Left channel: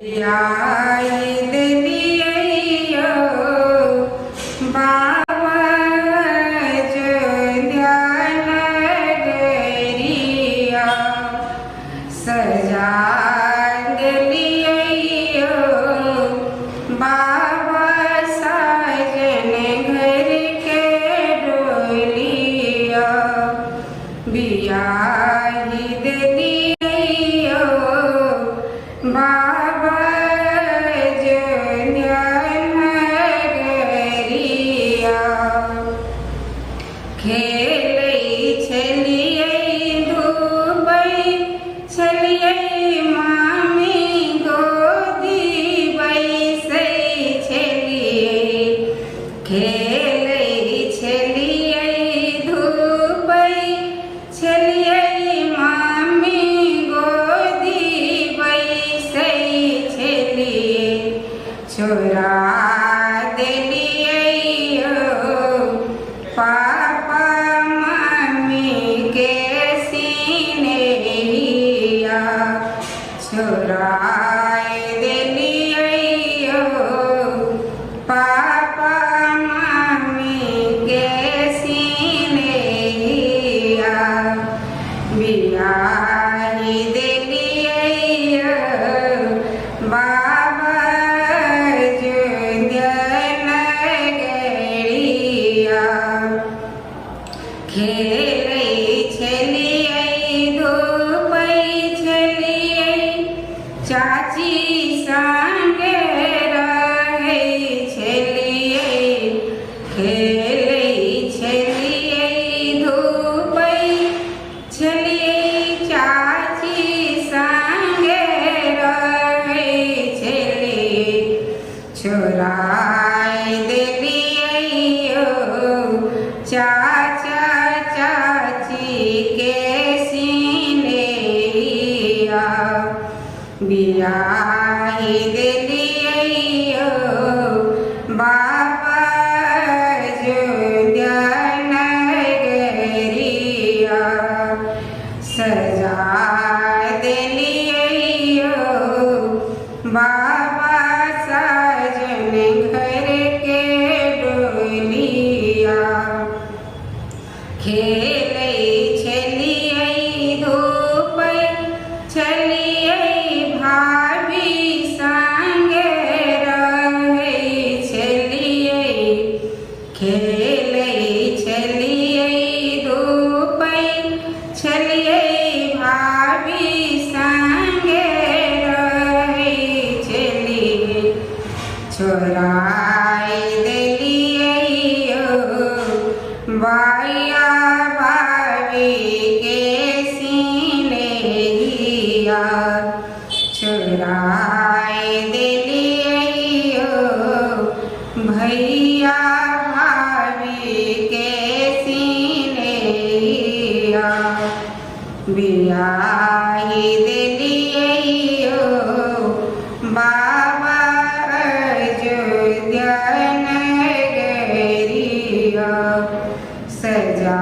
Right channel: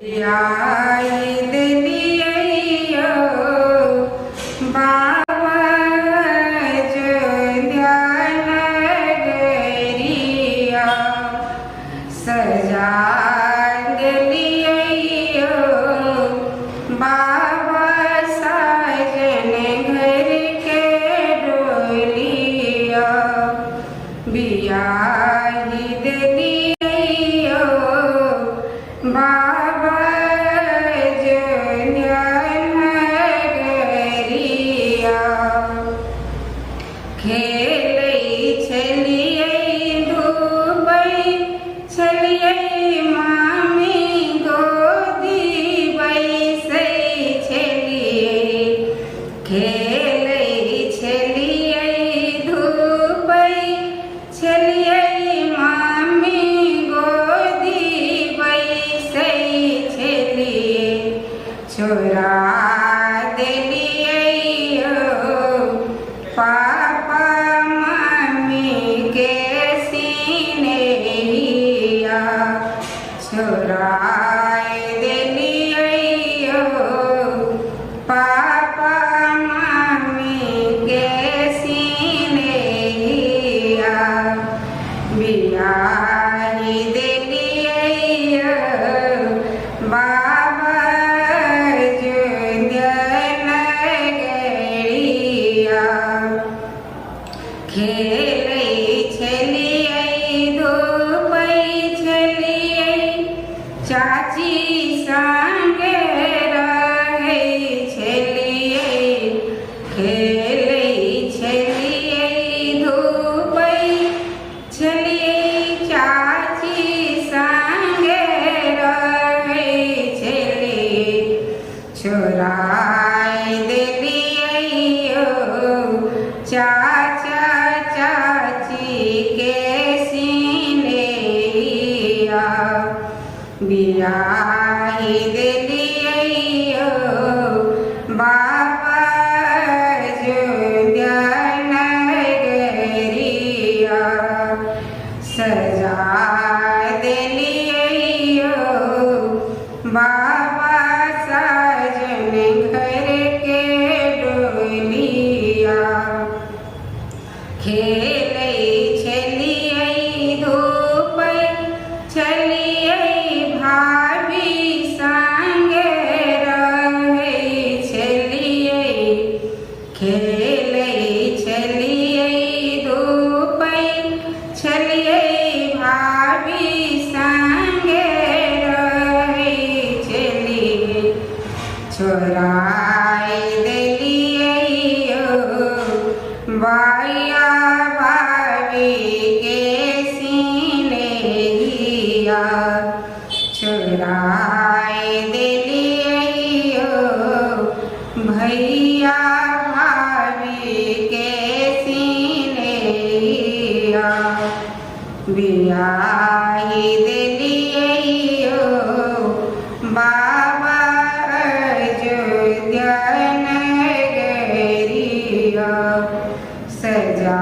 याद लियो बाबा ध्यान गरिया सजाग लियो बाबा साजन घर के डोलिया बियाद लियो बाबा छोरा दिलियो पापा मम्मी के सीने लिया छोरा दिलियो पापा मम्मी के सीने लिया बिया दिलियो बाबा चाची संग रहै छलियै खेलै छलियै धूपै छलियै चाची संग रहै छलियै छोड़ाइ देलियै चाचा चाची के सीने लिया बियाह दिलियो बाबा ज्ञान गरिया सजा दिलियो बाबा साजन घर के डोलिया खेलै छलियै धूपै छलियै भाभी संग रहै छलियै खेलै छलियै धूपै छलियै भाभी संग रहै छलियै छोड़ाइ देलियै बाया भाभी के सीने लिया छोड़ाइ देलियो भैया भाभी के सीने लिया बियाह दिलियो बाबा ज्ञान गरिया सजा